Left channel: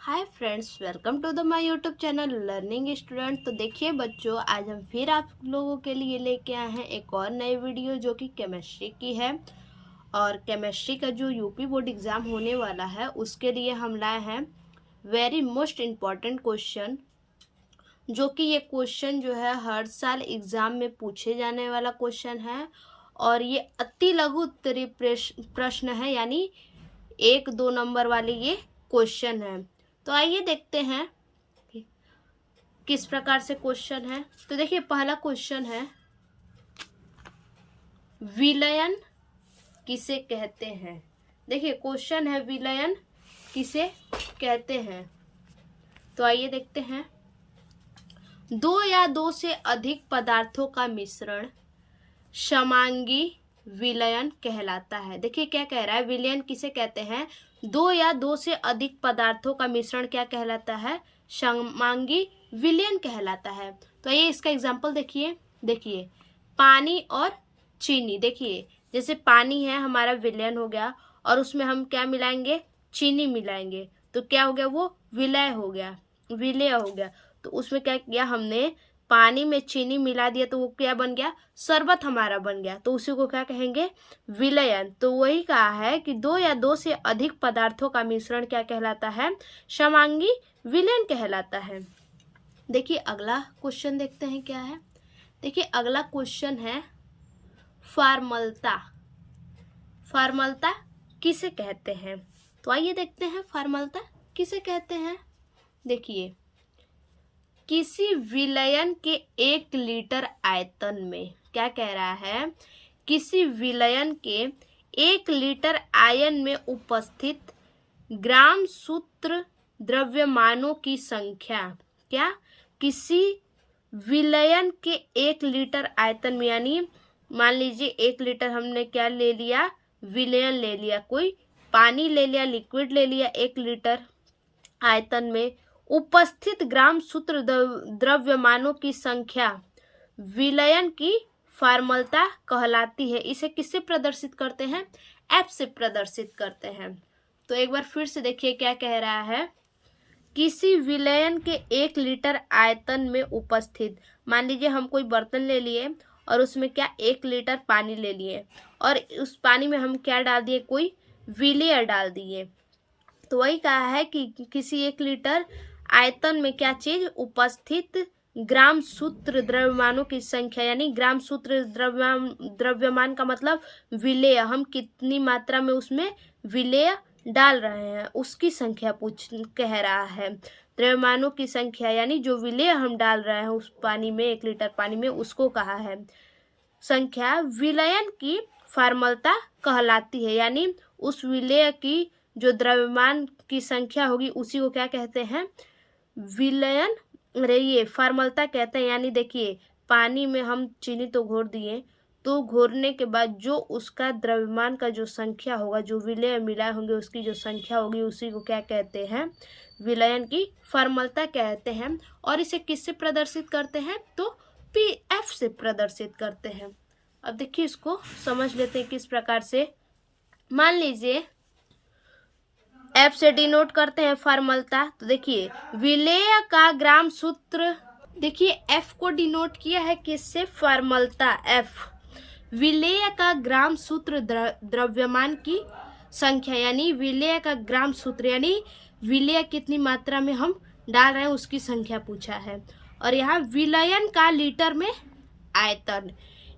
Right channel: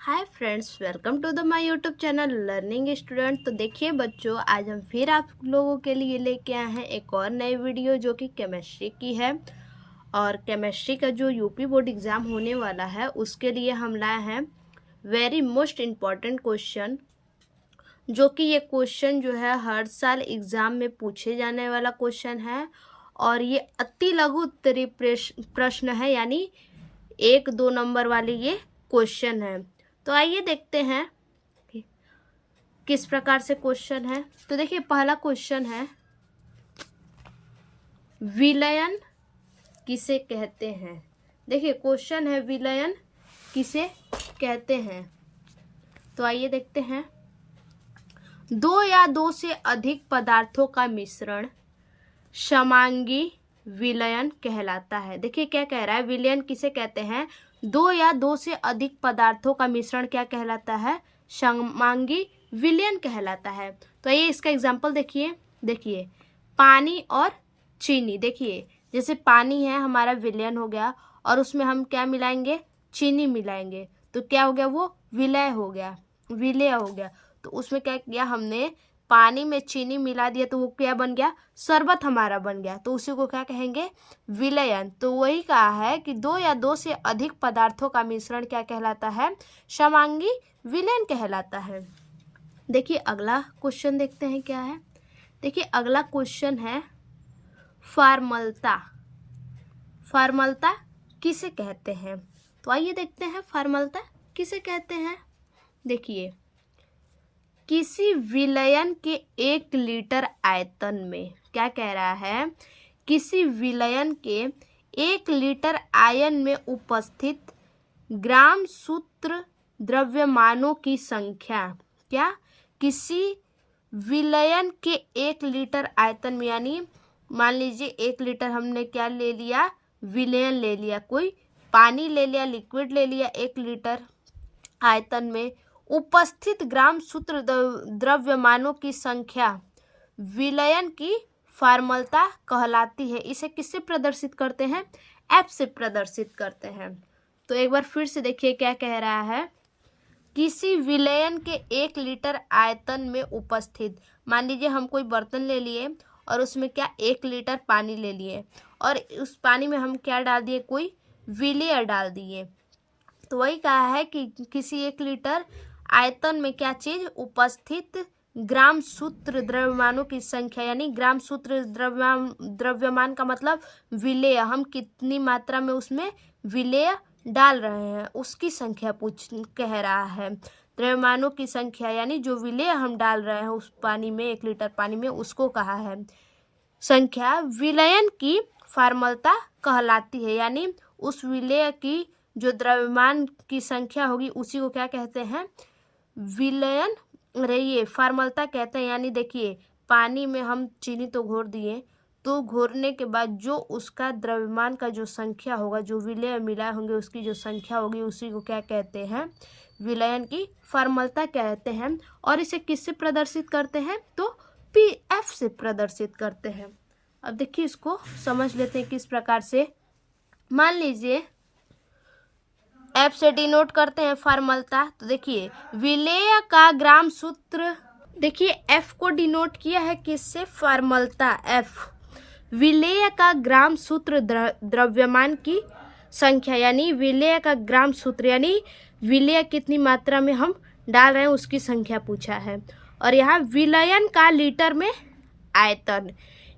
Hi friends, welcome to the my YouTube channel learning student. तो देखिए बच्चों, आज हम फिर आप लोगों के लिए लेके आए हैं एक और नई वीडियो जो कि केमिस्ट्री की है। और केमिस्ट्री का जो यूपी बोर्ड एग्ज़ाम होने वाला है उसके लिए हम लाए हैं वेरी मोस्ट इम्पॉर्टेंट क्वेश्चन, जो कि ये क्वेश्चन जो है हर साल एग्ज़ाम में पूछे जाने वाला क्वेश्चन है। और ये अति लघु उत्तरीय प्रश्न है, यानी 1-2 नंबर वाले ये क्वेश्चन है। तो आइए देखते हैं कि किस प्रकार से क्वेश्चन है। तो देखिए पहला क्वेश्चन है, विलयन किसे कहते हैं। देखिए क्वेश्चन है, विलयन किसे कहते हैं। तो आइए देखते हैं। दो या दो से अधिक पदार्थों का मिश्रण समांगी विलयन कहलाता है। देखिए क्या कह रहा है, विलयन किसे कहते हैं। दो या दो से अधिक पदार्थों का मिश्रण क्या कहलाता है, समांगी विलयन कहलाता है। तो ये इसका एग्जाम्पल देखिए पानी और चीनी। देखिए जैसे पानी है हमारा विलयन हो गया, और उसमें हम क्या मिलाएंगे, चीनी मिलाएंगे, तो क्या हो गया, वो विलय हो गया। तो उसमें क्या किया हमने, पानी में चीनी मिला दिया तो वो क्या बन गया, शरबत हमारा बन गया। तो उसी को क्या कहेंगे, विलयन। तो वही कहा है कि दो या दो से अधिक पदार्थों का मिश्रण क्या कहलाता है, समांगी विलयन कहलाता है। देखिए अगला क्वेश्चन देखते हैं क्या है। देखिए अगला क्वेश्चन है, फार्मलता किसे कहते हैं। तो आइए देखते हैं फार्मलता किसे कहते हैं। देखिए किसी विलयन के 1 लीटर आयतन में, क्या कह रहा है, किसी विलयन के 1 लीटर आयन में उपस्थित ग्राम सूत्र द्रव्यमानों की संख्या, क्या, किसी विलयन के 1 लीटर आयतन में, यानी मान लीजिए 1 लीटर हमने क्या ले लिया, विलयन ले लिया, कोई पानी ले लिया, लिक्विड ले लिया, 1 लीटर आयतन में उपस्थित ग्राम सूत्र द्रव्यमानों की संख्या विलयन की फार्मलता कहलाती है। इसे किससे प्रदर्शित करते हैं, एफ से प्रदर्शित करते हैं। तो एक बार फिर से देखिए क्या कह रहा है, किसी विलयन के 1 लीटर आयतन में उपस्थित, मान लीजिए हम कोई बर्तन ले लिए और उसमें क्या 1 लीटर पानी ले लिए, और उस पानी में हम क्या डाल दिए, कोई विलय डाल दिए। तो वही कहा है कि किसी 1 लीटर आयतन में क्या चीज उपस्थित ग्राम सूत्र द्रव्यमानों की संख्या, यानी ग्राम सूत्र द्रव्यमान का मतलब विलेय, हम कितनी मात्रा में उसमें विलेय डाल रहे हैं उसकी संख्या कह रहा है। द्रव्यमानों की संख्या यानी जो विलेय हम डाल रहे हैं उस पानी में, 1 लीटर पानी में, उसको कहा है संख्या विलयन की फार्मलता कहलाती है। यानी उस विलेय की जो द्रव्यमान की संख्या होगी उसी को क्या कहते हैं, विलयन, ये फार्मलता कहते हैं। यानी देखिए पानी में हम चीनी तो घोर दिए, तो घोरने के बाद जो उसका द्रव्यमान का जो संख्या होगा, जो विलय मिलाए होंगे उसकी जो संख्या होगी, उसी को क्या कहते हैं, विलयन की फार्मलता कहते हैं। और इसे किससे प्रदर्शित करते हैं, तो पी एफ से प्रदर्शित करते हैं। अब देखिए इसको समझ लेते हैं किस प्रकार से। मान लीजिए एफ से डिनोट करते हैं फार्मलता। तो देखिए विलेय का ग्राम सूत्र, देखिए एफ को डिनोट किया है किससे, फार्मलता, एफ। विलेय का ग्राम सूत्र द्रव्यमान की संख्या, यानी विलेय का ग्राम सूत्र, यानी विलेय कितनी मात्रा में हम डाल रहे हैं उसकी संख्या पूछा है। और यहाँ विलयन का लीटर में आयतन,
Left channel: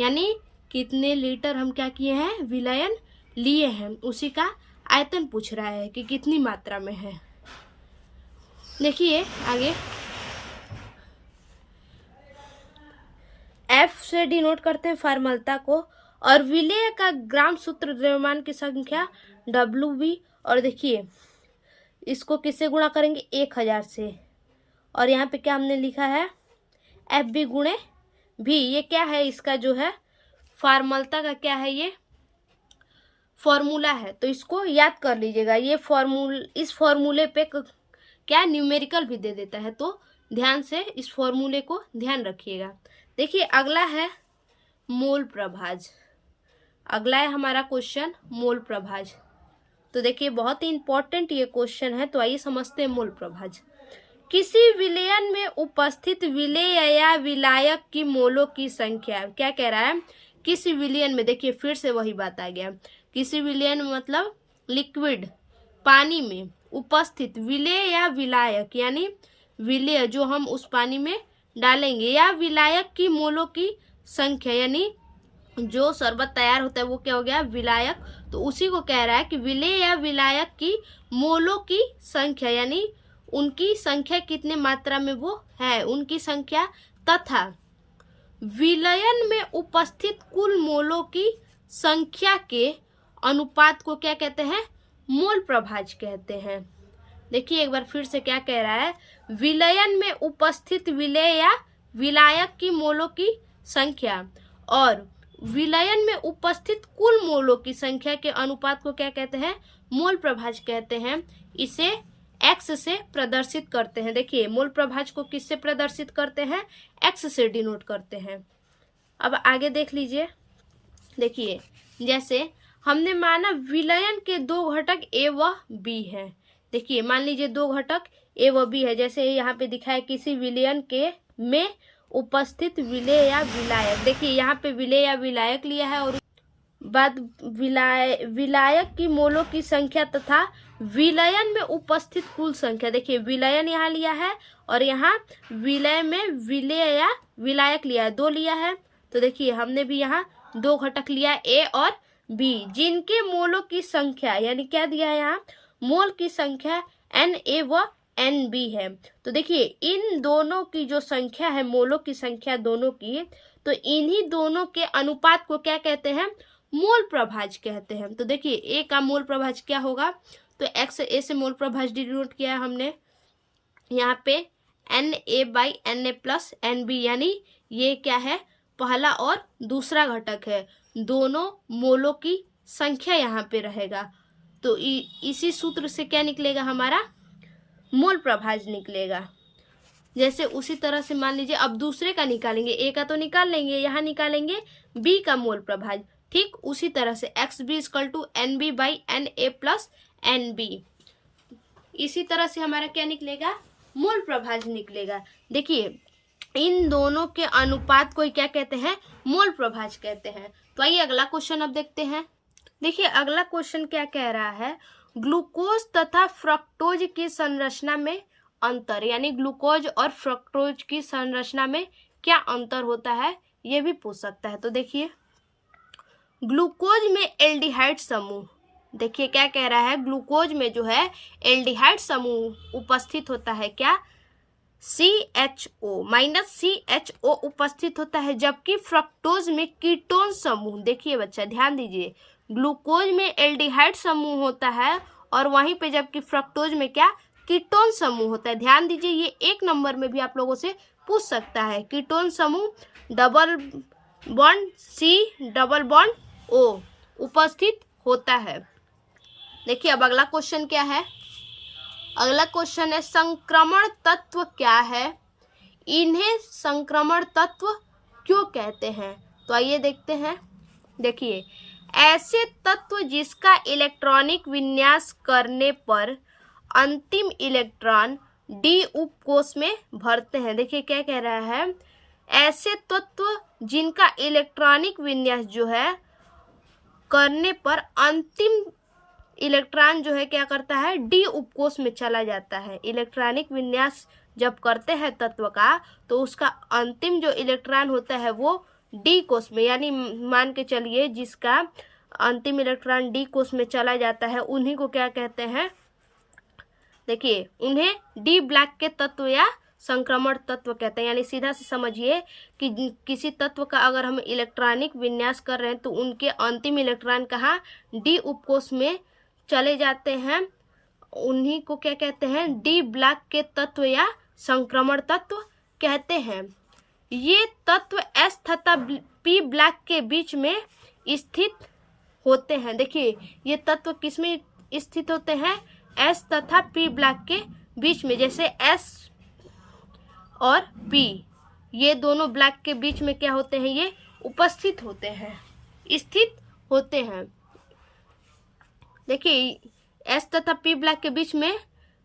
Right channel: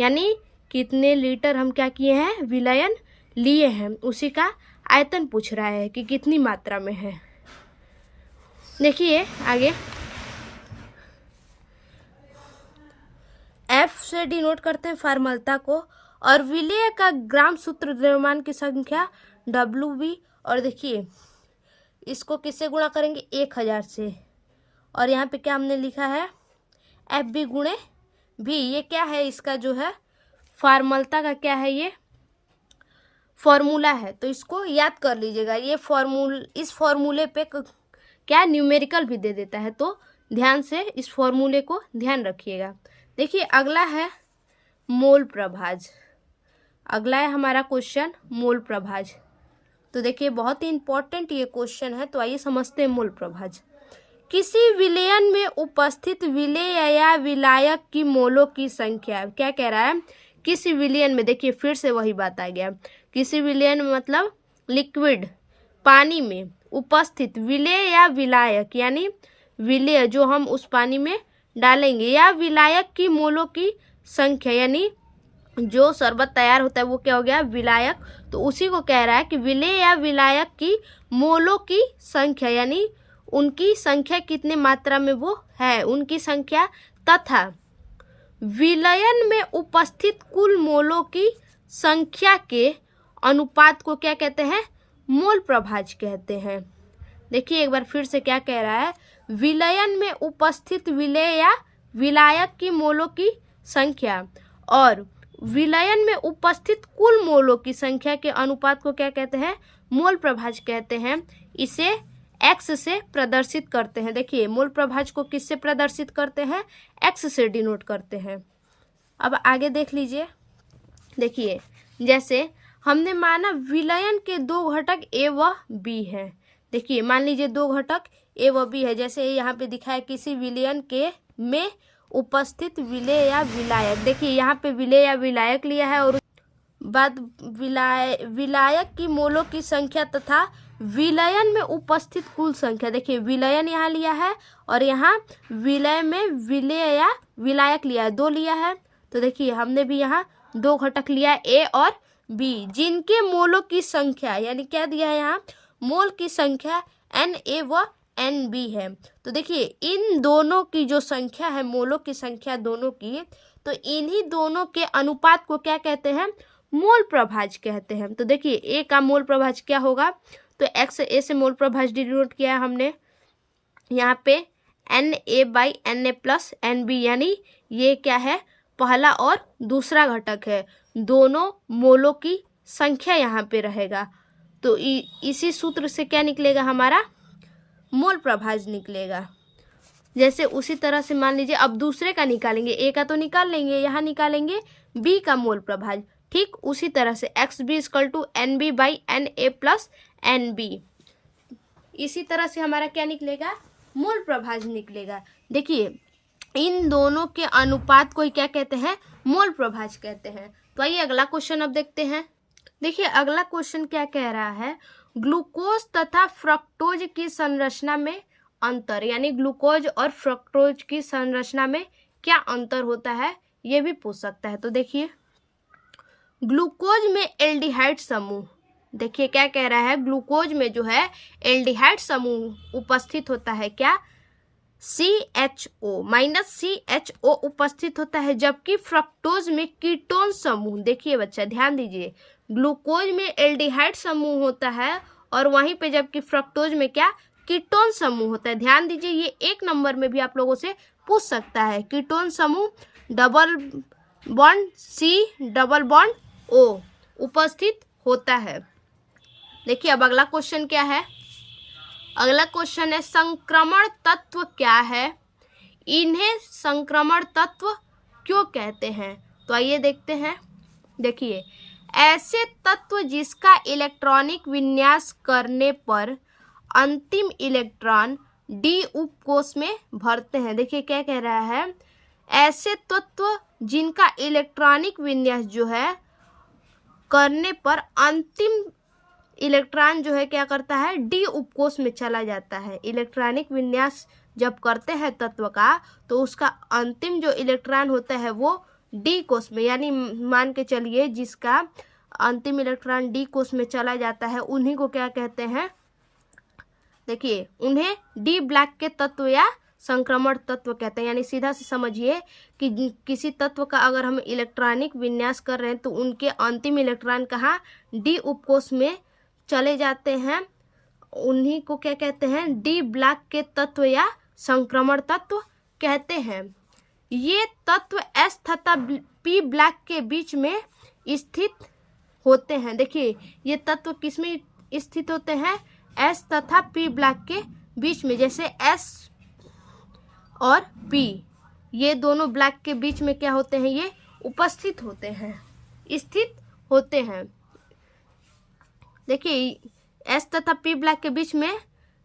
यानी कितने लीटर हम क्या किए हैं, विलयन लिए हैं, उसी का आयतन पूछ रहा है कि कितनी मात्रा में है। देखिए आगे एफ से डिनोट करते हैं फार्मलता को, और विलेय का ग्राम सूत्र द्रव्यमान की संख्या WB। और देखिए इसको किससे गुणा करेंगे, 1000 से, और यहाँ पे क्या हमने लिखा है, FB गुणे भी। ये क्या है, इसका जो है फार्मलता का क्या है, ये फॉर्मूला है, तो इसको याद कर लीजिएगा। ये इस फॉर्मूले पे क्या न्यूमेरिकल भी दे देता है, तो ध्यान से इस फॉर्मूले को ध्यान रखिएगा। देखिए अगला है मोल प्रभाज। अगला है हमारा क्वेश्चन मोल प्रभाज। तो देखिए बहुत ही इंपॉर्टेंट ये क्वेश्चन है। तो आइए समझते हैं मूल प्रभाज। किसी विलयन में उपस्थित विलेय या विलायक की मोलों की संख्या, क्या कह रहा है, किसी विलयन में, देखिए फिर से वही बात आ गया, किसी विलयन में मतलब लिक्विड पानी में उपस्थित विलेय या विलायक, यानी विलेय जो हम उस पानी में डालेंगे, या विलायक की मोलों की संख्या, यानी जो शरबत तैयार होता है वो क्या हो गया, विलायक। तो उसी को कह रहा है कि विलेय या विलायक की मोलों की संख्या, यानी उनकी संख्या कितने मात्रा में वो है, उनकी संख्या, तथा विलयन में उपस्थित कुल मोलों की संख्या के अनुपात को क्या कहते हैं, मोल प्रभाज कहते हैं। देखिए एक बार फिर से क्या कह रहा है, विलयन में उपस्थित विलेय या विलायक की मोलों की संख्या और विलयन में उपस्थित कुल मोलों की संख्या के अनुपात को क्या कहते हैं, मोल प्रभाज कहते हैं। इसे एक्स से प्रदर्शित करते हैं। देखिए मोल प्रभाज को किससे प्रदर्शित करते हैं, एक्स से डिनोट करते हैं। अब आगे देख लीजिए। देखिए जैसे हमने माना विलयन के दो घटक ए व बी है। देखिए मान लीजिए दो घटक ए व बी है, जैसे यहाँ पे दिखा है किसी विलयन के में उपस्थित विलेय या विलायक। देखिए यहाँ पे विलेय या विलायक लिया है और बाद विलायक की मोलों की संख्या तथा विलयन में उपस्थित कुल संख्या। देखिए विलयन यहाँ लिया है और यहाँ विलय में विलेय या विलायक लिया है, दो लिया है। तो देखिए हमने भी यहाँ दो घटक लिया, ए और बी, जिनके मोलों की संख्या, यानी क्या दिया है यहाँ, मोल की संख्या Na व Nb है। तो देखिए इन दोनों की जो संख्या है, मोलों की संख्या दोनों की, तो इन्हीं दोनों के अनुपात को क्या कहते हैं, मोल प्रभाज कहते हैं। तो देखिए ए का मोल प्रभाज क्या होगा, तो एक्स ए से मोल प्रभाज डिनोट किया है हमने यहाँ पे Na/Na प्लस Nb, यानी ये क्या है, पहला और दूसरा घटक है, दोनों मोलों की संख्या यहाँ पे रहेगा। तो इसी सूत्र से क्या निकलेगा, हमारा मोल प्रभाज निकलेगा। जैसे उसी तरह से मान लीजिए अब दूसरे का निकालेंगे, ए का तो निकाल लेंगे, यहाँ निकालेंगे बी का मोल प्रभाज। ठीक उसी तरह से XB = NB/Na प्लस NB, इसी तरह से हमारा क्या निकलेगा, मोल प्रभाज निकलेगा। देखिए इन दोनों के अनुपात को क्या कहते हैं, मोल प्रभाज कहते हैं। तो आइए अगला क्वेश्चन अब देखते हैं। देखिए अगला क्वेश्चन क्या कह रहा है, ग्लूकोज तथा फ्रक्टोज की संरचना में अंतर, यानी ग्लूकोज और फ्रक्टोज की संरचना में क्या अंतर होता है, यह भी पूछ सकता है। तो देखिए ग्लूकोज में एल्डिहाइड समूह, देखिए क्या कह रहा है, ग्लूकोज में जो है एल्डिहाइड समूह उपस्थित होता है, क्या, CHO उपस्थित होता है, जबकि फ्रक्टोज में कीटोन समूह, देखिए बच्चा ध्यान दीजिए, ग्लूकोज में एल्डिहाइड समूह होता है और वहीं पे जबकि फ्रक्टोज में क्या, कीटोन समूह होता है। ध्यान दीजिए ये एक नंबर में भी आप लोगों से पूछ सकता है, कीटोन समूह double bond C double bond O उपस्थित होता है। देखिए अब अगला क्वेश्चन क्या है, अगला क्वेश्चन है संक्रमण तत्व क्या है, इन्हें संक्रमण तत्व क्यों कहते हैं। तो आइए देखते हैं। देखिए ऐसे तत्व जिसका इलेक्ट्रॉनिक विन्यास करने पर अंतिम इलेक्ट्रॉन डी उपकोष में भरते हैं। देखिए क्या कह रहा है, ऐसे तत्व जिनका इलेक्ट्रॉनिक विन्यास जो है करने पर अंतिम इलेक्ट्रॉन जो है क्या करता है, डी उपकोष में चला जाता है। इलेक्ट्रॉनिक विन्यास जब करते हैं तत्व का तो उसका अंतिम जो इलेक्ट्रॉन होता है वो डी कोष में, यानी मान के चलिए जिसका अंतिम इलेक्ट्रॉन डी कोष में चला जाता है उन्हीं को क्या कहते हैं, देखिए उन्हें डी ब्लॉक के तत्व या संक्रमण तत्व कहते हैं। यानी सीधा से समझिए कि किसी तत्व का अगर हम इलेक्ट्रॉनिक विन्यास कर रहे हैं तो उनके अंतिम इलेक्ट्रॉन कहाँ, डी उपकोष में चले जाते हैं, उन्हीं को क्या कहते हैं, डी ब्लॉक के तत्व या संक्रमण तत्व कहते हैं। ये तत्व S तथा P ब्लॉक के बीच में स्थित होते हैं। देखिए ये तत्व किसमें स्थित होते हैं, S तथा P ब्लॉक के बीच में। जैसे S और P ये दोनों ब्लॉक के बीच में क्या होते हैं, ये उपस्थित होते हैं, स्थित होते हैं। देखिए एस तथा पी ब्लॉक के बीच में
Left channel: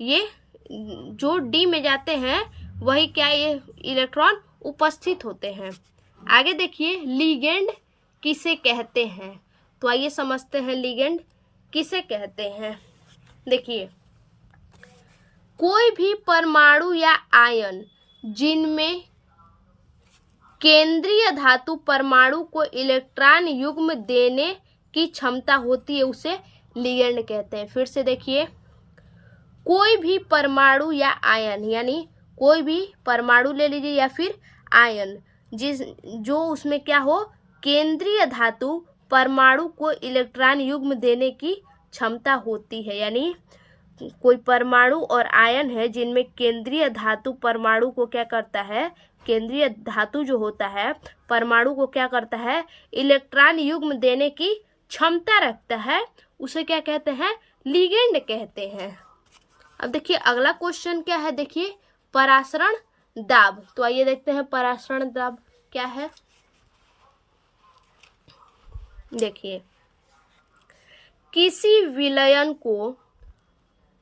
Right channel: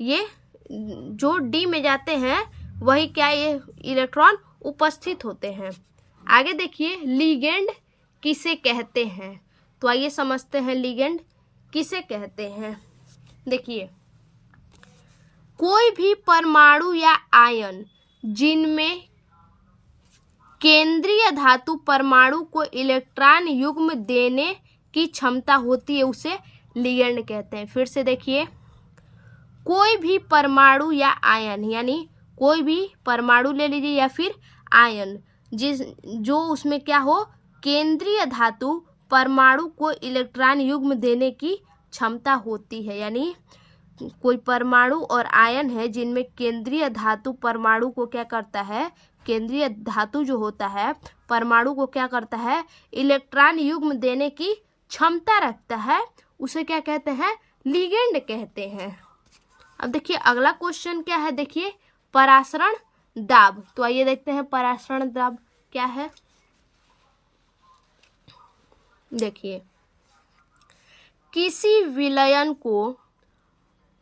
ये जो डी में जाते हैं वही क्या ये इलेक्ट्रॉन उपस्थित होते हैं। आगे देखिए लिगेंड किसे कहते हैं, तो आइए समझते हैं लिगेंड किसे कहते हैं। देखिए कोई भी परमाणु या आयन जिनमें केंद्रीय धातु परमाणु को इलेक्ट्रॉन युग्म देने की क्षमता होती है उसे लिगेंड कहते हैं। फिर से देखिए कोई भी परमाणु या आयन, यानी कोई भी परमाणु ले लीजिए या फिर आयन जो उसमें क्या हो केंद्रीय धातु परमाणु को इलेक्ट्रॉन युग्म देने की क्षमता होती है, यानी कोई परमाणु और आयन है जिनमें केंद्रीय धातु परमाणु को क्या करता है, केंद्रीय धातु जो होता है परमाणु को क्या करता है इलेक्ट्रॉन युग्म देने की क्षमता रखता है, उसे क्या कहते हैं लिगेंड कहते हैं। अब देखिए अगला क्वेश्चन क्या है, देखिए परासरण दाब। तो आइए देखते हैं परासरण दाब क्या है। देखिए किसी विलयन को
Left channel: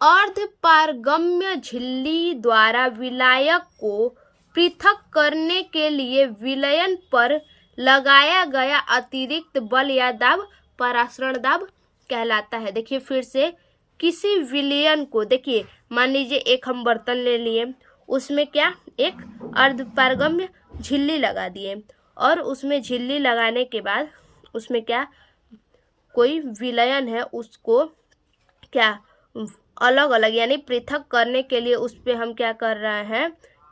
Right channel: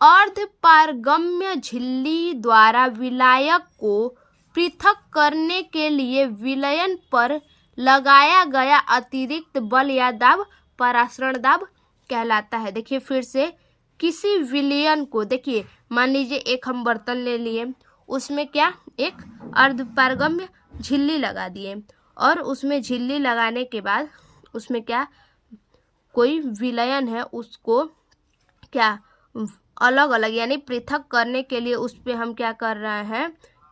अर्धपारगम्य झिल्ली द्वारा विलायक को पृथक करने के लिए विलयन पर लगाया गया अतिरिक्त बल या दाब परासरण दाब कहलाता है। देखिए फिर से किसी विलयन को, देखिए मान लीजिए एक हम बर्तन ले लिए, उसमें क्या एक अर्धपारगम्य झिल्ली लगा दिए और उसमें झिल्ली लगाने के बाद उसमें क्या कोई विलयन है उसको क्या अलग अलग यानी पृथक करने के लिए उस पर हम क्या कर रहे हैं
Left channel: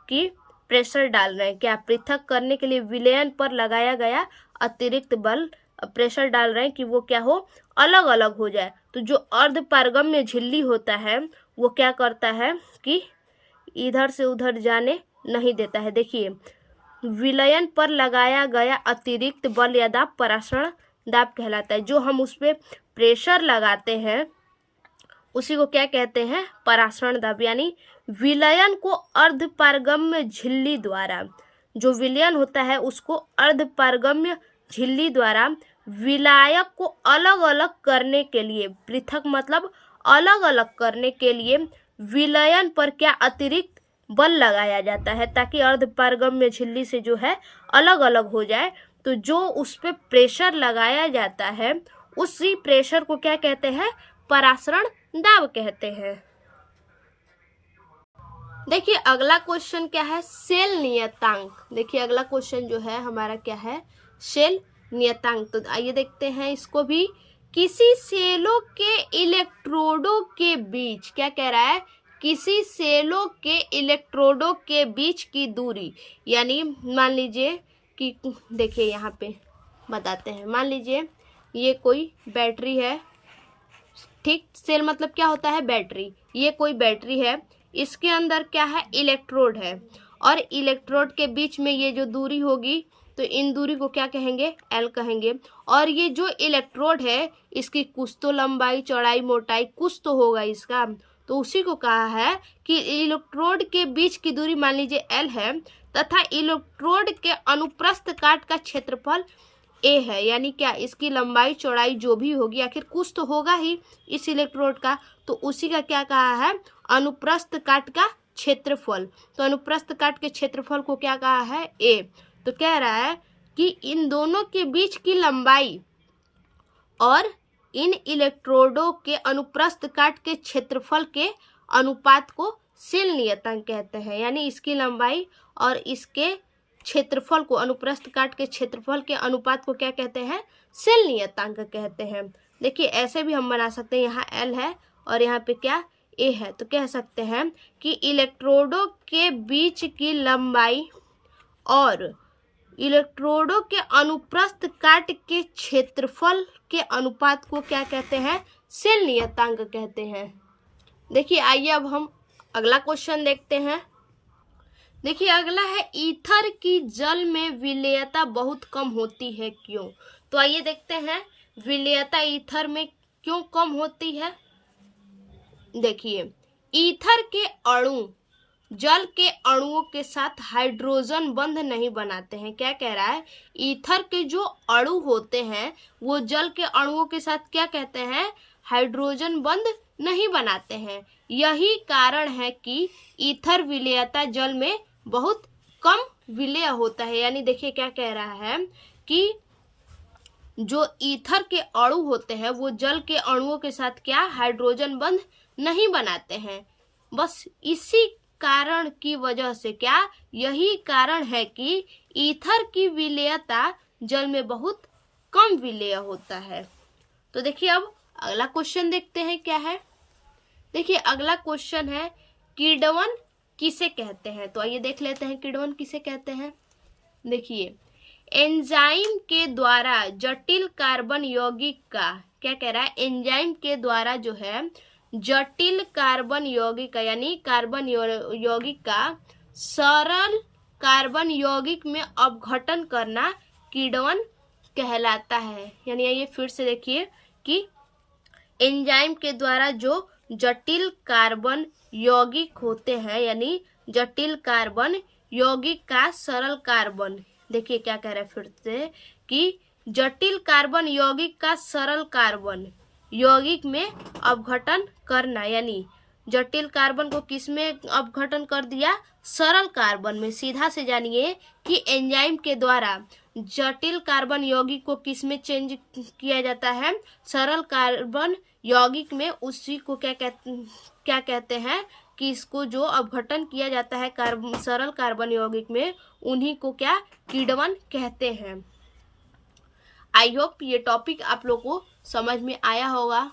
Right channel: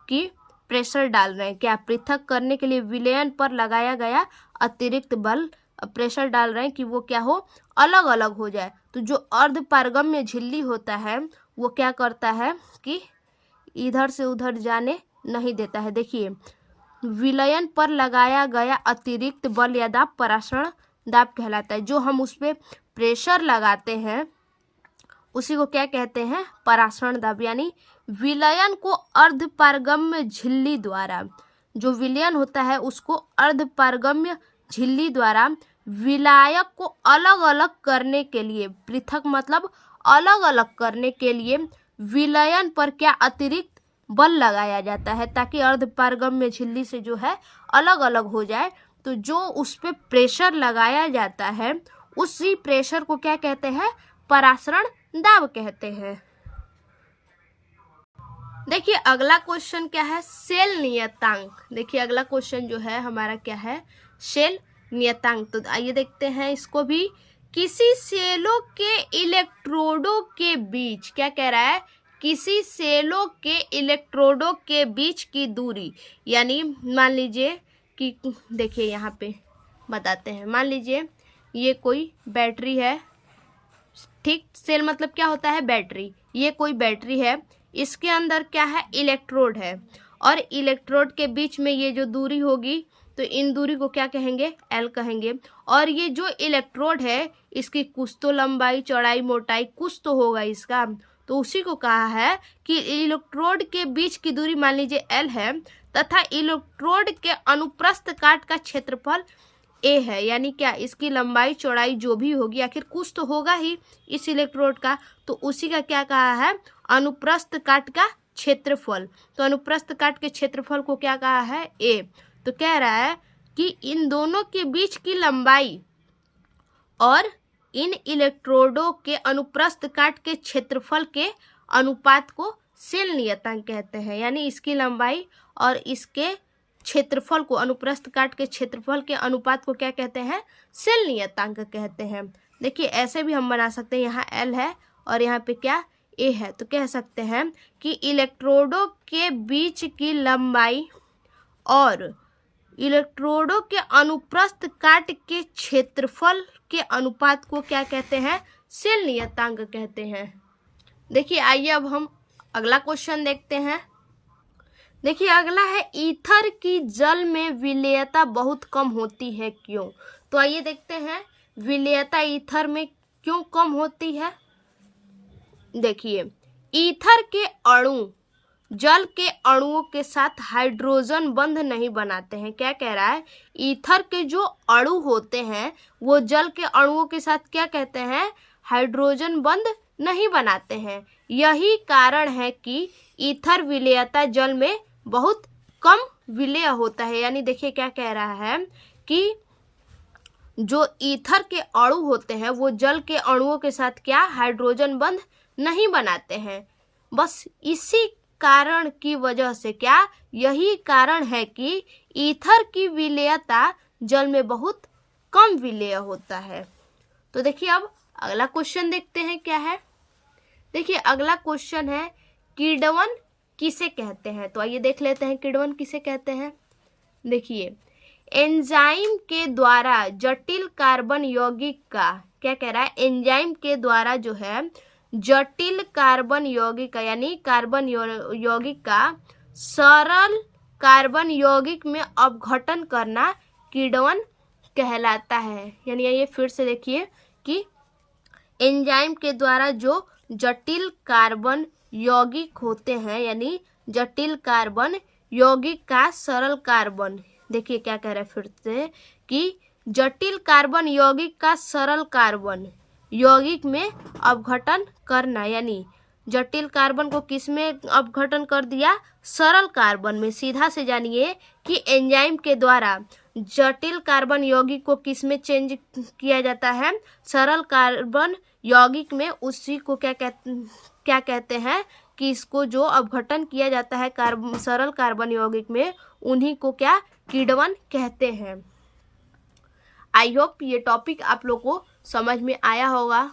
कि प्रेशर डाल रहे हैं, क्या पृथक करने के लिए विलयन पर लगाया गया अतिरिक्त बल प्रेशर डाल रहे हैं कि वो क्या हो अलग अलग हो जाए। तो जो अर्धपारगम्य झिल्ली होता है वो क्या करता है कि इधर से उधर जाने नहीं देता है। देखिए विलयन पर लगाया गया अतिरिक्त बल या दाब परासरण दाब कहलाता है। जो हम उस पर प्रेशर लगाते हैं उसी को क्या कहते हैं परासरण दाब, यानी विलयन को अर्धपारगम्य झिल्ली द्वारा, जो विलयन होता है उसको अर्धपारगम्य झिल्ली द्वारा विलायक को अलग अलग करने के लिए, पृथक मतलब अलग अलग करने के लिए विलयन पर क्या अतिरिक्त बल लगाया जाता है ताकि अर्धपारगम्य झिल्ली से जो है अलग अलग हो जाए। तो जो उस पर प्रेशर लगाया जाता है उसी प्रेशर को क्या कहते हैं परासरण दाब कहते हैं। देखिए अगला क्वेश्चन क्या है शेल नियतांक। देखिए अगला क्वेश्चन जो है हमारा क्या है शेल नियतांक। तो आइए देखते हैं इसको भी। किसी सेलों के इलेक्ट्रोडों के बीच, क्या कह रहा है किसी सेलों के इलेक्ट्रोडों के बीच की दूरी, यानी मान लीजिए कि देखिए यहाँ पे बताते हैं, मान लीजिए ये कोई बैटरी है, ठीक, सेल मतलब क्या होता है बैटरी, ये कोई बैटरी है, इसके अंदर क्या है इलेक्ट्रोड है और इलेक्ट्रोड के बीच में ये जो दूरी होगी तो इन दूरी को क्या कहेंगे एल कहेंगे। और ये जो इलेक्ट्रोड है इसकी कुछ तो लंबाई चौड़ाई मोटाई कुछ तो होगा इसका, तो उसी को कहा है कि इलेक्ट्रोड के बीच की दूरी मान लीजिए एल है तथा इलेक्ट्रोड के अनुप्रस्थ काट का क्षेत्रफल ए है, यानी क्या इसकी लंबाई चौड़ाई जो भी होगी आखिर कुछ तो होगा ही इस इलेक्ट्रोड का, तो उसी का क्या कहा है अनुप्रस्थ काट का क्षेत्रफल। तो अनुप्रस्थ काट के क्षेत्रफल को क्या कहा है ए। तो कह रहा है कि इन दोनों के बीच की लंबाई और इन इलेक्ट्रोडों के अनुप्रस्थ काट के क्षेत्रफल के अनुपात को शेल नियतांक कहते हैं, यानी इसकी लंबाई और इसके क्षेत्रफल को अनुप्रस्थ काट के क्षेत्रफल के अनुपात को क्या कहते हैं शेल नियतांक कहते हैं। देखिए ऐसे भी हम बना सकते हैं, यहाँ एल है और यहाँ पे क्या ए है, तो कह सकते हैं कि इलेक्ट्रोडों के बीच की लंबाई और इलेक्ट्रोडों के अनुप्रस्थ काट के क्षेत्रफल के अनुपात को क्या कहते हैं शेल नियतांक कहते हैं। देखिए आइए अब हम अगला क्वेश्चन देखते हैं। देखिए अगला है ईथर की जल में विलेयता बहुत कम होती है क्यों। तो आइए देखते हैं विलेयता ईथर में क्यों कम होती है। देखिए ईथर के अणु जल के अणुओं के साथ हाइड्रोजन बंध नहीं बनाते हैं। क्या कह रहा है ईथर के जो अणु होते हैं वो जल के अणुओं के साथ क्या कहते हैं हाइड्रोजन बंध नहीं बनाते हैं। यही कारण है कि ईथर विलेयता जल में बहुत कम विलेय होता है। यानी देखिए क्या कह रहा है कि जो ईथर के अणु होते हैं वो जल के अणुओं के साथ क्या हाइड्रोजन बंध नहीं बनाते हैं। बस इसी कारण की वजह से क्या, यही कारण है कि ईथर की विलेयता जल में बहुत कम विलेय होता है। तो देखिए अब अगला क्वेश्चन देखते हैं क्या है। देखिए अगला क्वेश्चन है किण्वन किसे कहते हैं। तो आइए देख लेते हैं किण्वन किसे कहते हैं। देखिए एंजाइम के द्वारा जटिल कार्बन यौगिक का, क्या कह रहा है, एंजाइम के द्वारा जो है जटिल कार्बन यौगिक का यानी कार्बन यौगिक का सरल कार्बन यौगिक में अपघटन करना किण्वन कहलाता है। यानी ये फिर से देखिए कि एंजाइम के द्वारा जो जटिल कार्बन यौगिक होते हैं यानी जटिल कार्बन यौगिक का सरल कार्बन, देखिए क्या कह रहा है फिर से कि जटिल कार्बन यौगिक का सरल कार्बन यौगिक में अपघटन करना, यानी जटिल कार्बन को किस में अपघटन कर दिया, सरल कार्बन में। सीधा से जानिए कि एंजाइम के द्वारा जटिल कार्बन यौगिक को किस में चेंज किया जाता है, सरल कार्बन यौगिक में। उसी को क्या कहते हैं कि इसको जो अपघटन किया जाता है सरल कार्बन यौगिक में, उन्हीं को क्या किण्वन कहते हैं। आई होप ये टॉपिक आप लोग को समझ में आया होगा।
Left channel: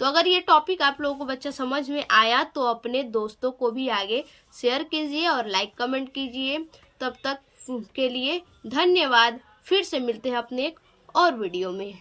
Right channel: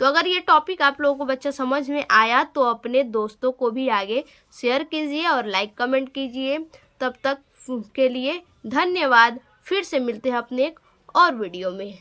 तो अगर ये टॉपिक आप लोगों को बच्चा समझ में आया तो अपने दोस्तों को भी आगे शेयर कीजिए और लाइक कमेंट कीजिए। तब तक के लिए धन्यवाद। फिर से मिलते हैं अपने एक और वीडियो में।